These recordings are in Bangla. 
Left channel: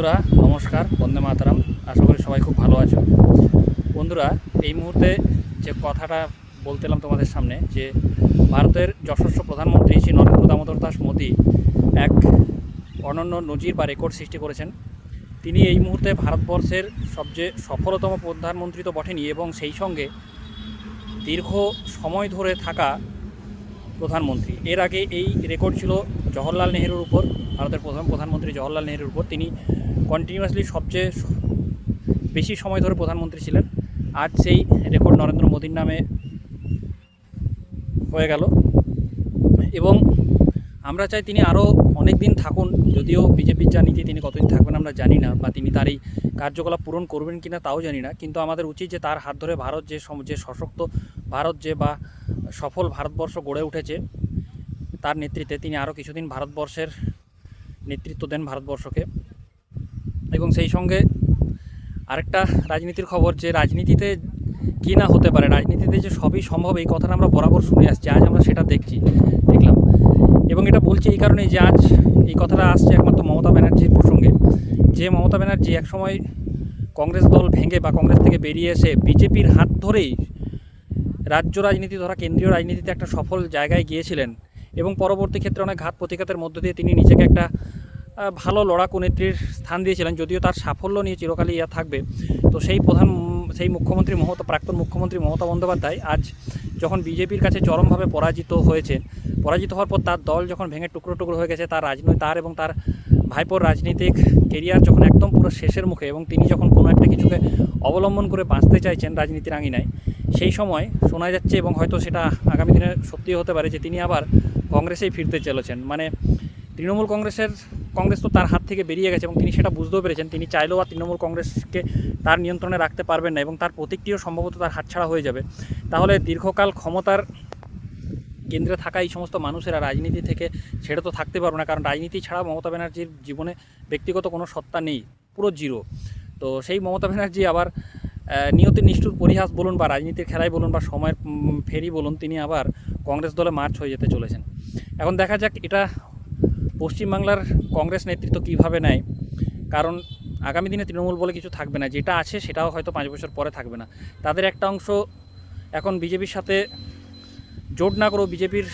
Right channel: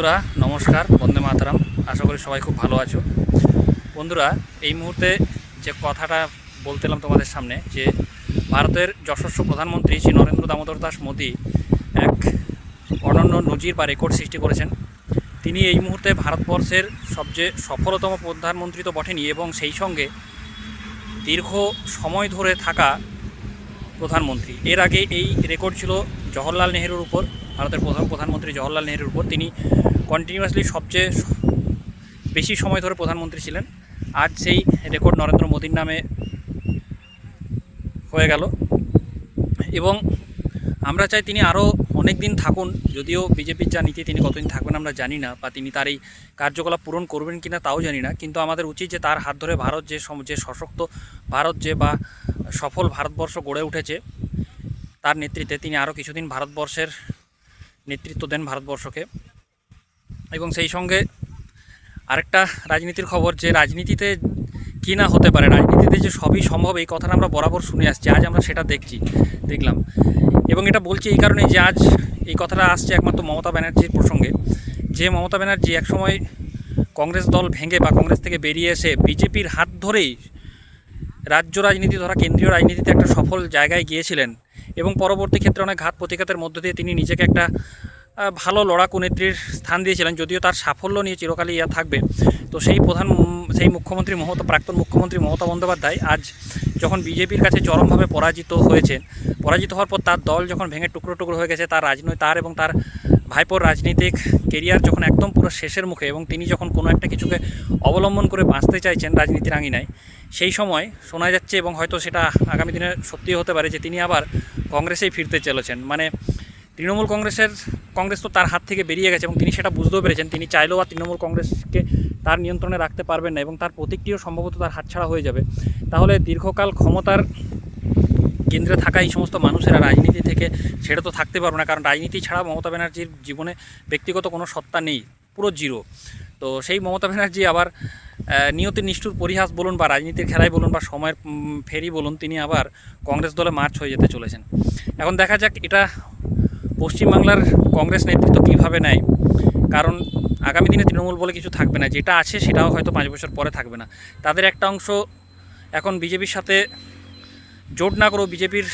বন্ধুরা নমস্কার, বন্দে মাতরম। আশা করি সবাই খুব ভালো আছো। বন্ধুরা, এই মুহূর্তে যে কথাটা বলতেলাম তোমাদের সামনে, যে ভারতের যশস্ব প্রধানমন্ত্রী শ্রী নরেন্দ্র দামোদর দাস মোদী এক অনন্য নজির বা রেকর্ড সৃষ্টি করেছেন। তিনি এই মুহূর্তে ভারতবর্ষের সবচেয়ে সফলতম প্রধানমন্ত্রী তো বটেনই, এবং সেই সঙ্গে দীর্ঘ সময় ধরে থাকা প্রধানমন্ত্রী। এর আগে এই রেকর্ড ছিল জওহরলাল নেহরুর উপর, ভারতের প্রথম প্রধানমন্ত্রী জওহরলাল নেহরুর উপর। তিনি কন্টিনিউয়াসলি সবচেয়ে বেশি সময় ধরে প্রধানমন্ত্রী ছিলেন। আজ সেই রেকর্ড নরেন্দ্র মোদীর নামে হয়ে গেল, এবং আমরা চাই তিনি আরও অনেক দিন থাকুন। যদিও বিজেপির যা নীতি, তিনি কতদিন থাকবেন আমরা জানি না, বা তিনি তার এই কার্যকলাপ পূরণ করবেন কিনা তাও জানি না। কিন্তু আমাদের উচিত যে তার হাত ধরে ভারত যে সশক্ত ভারত বা সফল ভারতবর্ষ গড়ে উঠেছে, তার নেতৃত্বে তিনি আরও কিছুদিন ভারতবর্ষের নেতৃত্ব দেন ভারতবর্ষকে। এবং সেই সঙ্গে আরেকটা রাজনীতির খবর, যে রাজনীতিতে কী না হতে পারে, রাজনীতিতে যে সবই সম্ভব, এই কথাটা আমরা বরাবর শুনে আসছি। আজ আমরা সেটা দেখলাম। এবং এটা বলছি এই কারণে যে আজ এই কথাটা আসছে একমাত্র মমতা ব্যানার্জির প্রসঙ্গে। যে মমতা ব্যানার্জি একসময় কংগ্রেস দল ভেঙে বা কংগ্রেস থেকে বেরিয়ে এসে বিজেপির হাত ধরেই রাজ্য রাজনীতি ধরা কেন্দ্রীয় রাজনীতিতে একটা সফল জায়গায় গিয়েছিলেন, এবং পরবর্তী ক্ষেত্রে অনেক ঘাত প্রতিঘাতের মধ্য দিয়ে তিনি নিজেকে একটা ভালো লড়াকু নেত্রীর স্থান দিয়েছিলেন। যদিও তার সাফল্য নিয়ে চিরকালই থাকবে। তো সেই মুখ্যমন্ত্রী প্রাক্তন মুখ্যমন্ত্রী মমতা বন্দ্যোপাধ্যায় আজ যখন বিজেপির কাছে চরমভাবে পরাজিত হওয়ার পর তার দল যখন ভেঙে টুকরো টুকরো হয়ে গেছে, তার এবং তার ভাইপোর রাজনৈতিক কেরিয়ার যখন একদম পুরো শেষের মুখে, এবং তিনি যখন কোনো একটা কিছুকে অবলম্বন করে বাঁচতে চাইছেন রাজনীতির আঙিনায়, সেই সময় শোনা যাচ্ছে, এবং হয়তো সেটা আগামী দিনে সত্যি হতে পারে, যে তিনি আবার কংগ্রেসেই ফিরতে চলেছেন। মানে তৃণমূল কংগ্রেস তো তার হাত থেকে বেরিয়ে গেছে, এবং তিনি সেটা বুঝতেও পেরেছেন। তিনি চাইলেও আর তৃণমূল কংগ্রেসকে তার নিয়ন্ত্রণে রাখতে পারবেন না, এবং তার প্রতীকটিও সম্ভবত তার হাতছাড়া হয়ে যাবে। তাহলে দীর্ঘকাল ক্ষমতার কেন্দ্রে থাকা এই সমস্ত মানুষেরা রাজনীতি থেকে ছেড়ে তো থাকতে পারবে না, কারণ রাজনীতি ছাড়া মমতা ব্যানার্জির জীবনে ব্যক্তিগত কোনো সত্তা নেই, পুরো জিরো। তো সেই মমতা ব্যানার্জি আবার নিয়তির নিষ্ঠুর পরিহাস বলুন, বা রাজনীতির খেলায় বলুন, বা সময়ের ফেরি বলুন, তিনি আবার কংগ্রেস দলে মার্চ হয়ে যেতে চলেছেন। এখন দেখা যাক এটা পশ্চিমবাংলার কংগ্রেস নেতৃত্ব কীভাবে নেয়, কারণ আগামী দিনে তৃণমূল বলে কিছু থাকবে না। যেটা আছে সেটাও হয়তো 5 বছর পরে থাকবে না। তাদের একটা অংশ এখন বিজেপির সাথে জোট না করেও বিজেপির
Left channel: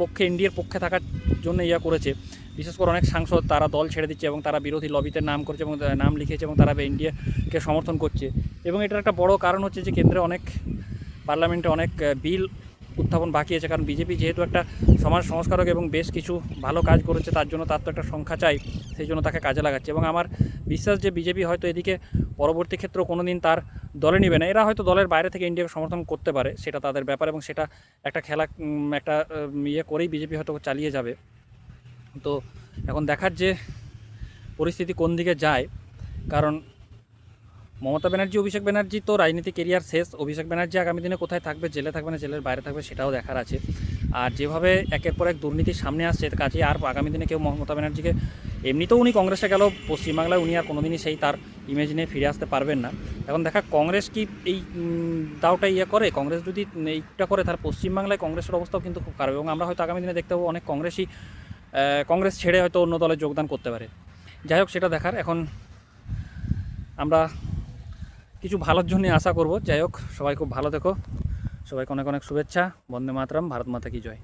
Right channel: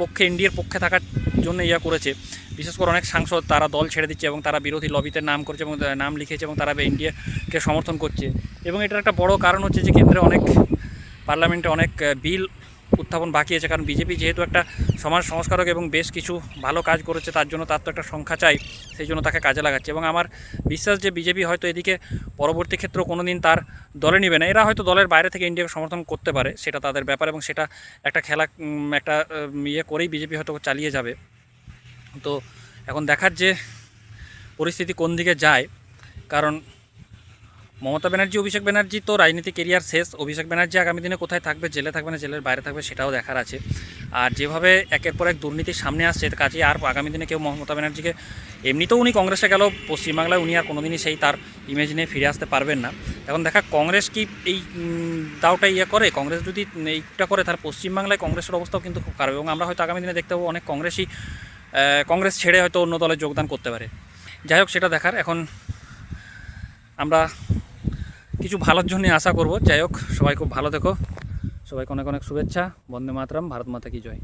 পক্ষে, এনডিএর পক্ষে থাকার জন্য করেছে। বিশেষ করে অনেক সাংসদ তারা দল ছেড়ে দিচ্ছে, এবং তারা বিরোধী লবিতে নাম করছে এবং নাম লিখেছে, এবং তারা এনডিএকে সমর্থন করছে। এবং এটার একটা বড় কারণ হচ্ছে যে কেন্দ্রে পার্লামেন্টে অনেক বিল উত্থাপন বাকি আছে, কারণ বিজেপি যেহেতু একটা সমাজ সংস্কারক এবং বেশ কিছু ভালো কাজ করেছে, তার জন্য তার তো একটা সংখ্যা চাই, সেই জন্য তাকে কাজে লাগাচ্ছে। এবং আমার বিশ্বাস যে বিজেপি হয়তো এদিকে পরবর্তী ক্ষেত্রেও কোনো দিন তার দলে নেবে না। এরা হয়তো দলের বাইরে থেকে ইন্ডিয়াকে সমর্থন করতে পারে, সেটা তাদের ব্যাপার, এবং সেটা একটা খেলা করেই বিজেপি হয়তো চালিয়ে যাবে। তো এখন দেখার যে পরিস্থিতি কোন দিকে যায়, কারণ মমতা ব্যানার্জি, অভিষেক ব্যানার্জি তো রাজনীতি কেরিয়ার শেষ। অভিষেক ব্যানার্জি আগামী দিনে কোথায় থাকবে, জেলে থাকবে না জেলের বাইরে থাকবে, সেটাও দেখার আছে। আর যেভাবে একের পর এক দুর্নীতির সামনে আসছে, কাজে আর আগামী দিনে কেউ মমতা ব্যানার্জিকে, এমনিতেও উনি কংগ্রেসে গেল, পশ্চিমবাংলায় উনি আর কোনোদিনই সেই তার ইমেজ নিয়ে ফিরে আসতে পারবেন না। এখন দেখা কংগ্রেস কি এই দাওটা করে। কংগ্রেস যদি এইটা করে, তাহলে পশ্চিমবাংলায় কংগ্রেসের অবস্থাও কিন্তু খুব খারাপ, এবং আমরা হয়তো আগামী দিনে দেখতে পাবো অনেক কংগ্রেস ছেড়ে হয়তো অন্য দলে যোগদান করতে পারে। যাই হোক, সেটা দেখার। এখন আমরা কিছু ভালোর জন্য আশা করব। যাই হোক, সবাই খুব ভালো থেকো, সবাইকে অনেক অনেক শুভেচ্ছা। বন্দে মাতরম। ভারত মাতা কি জয়।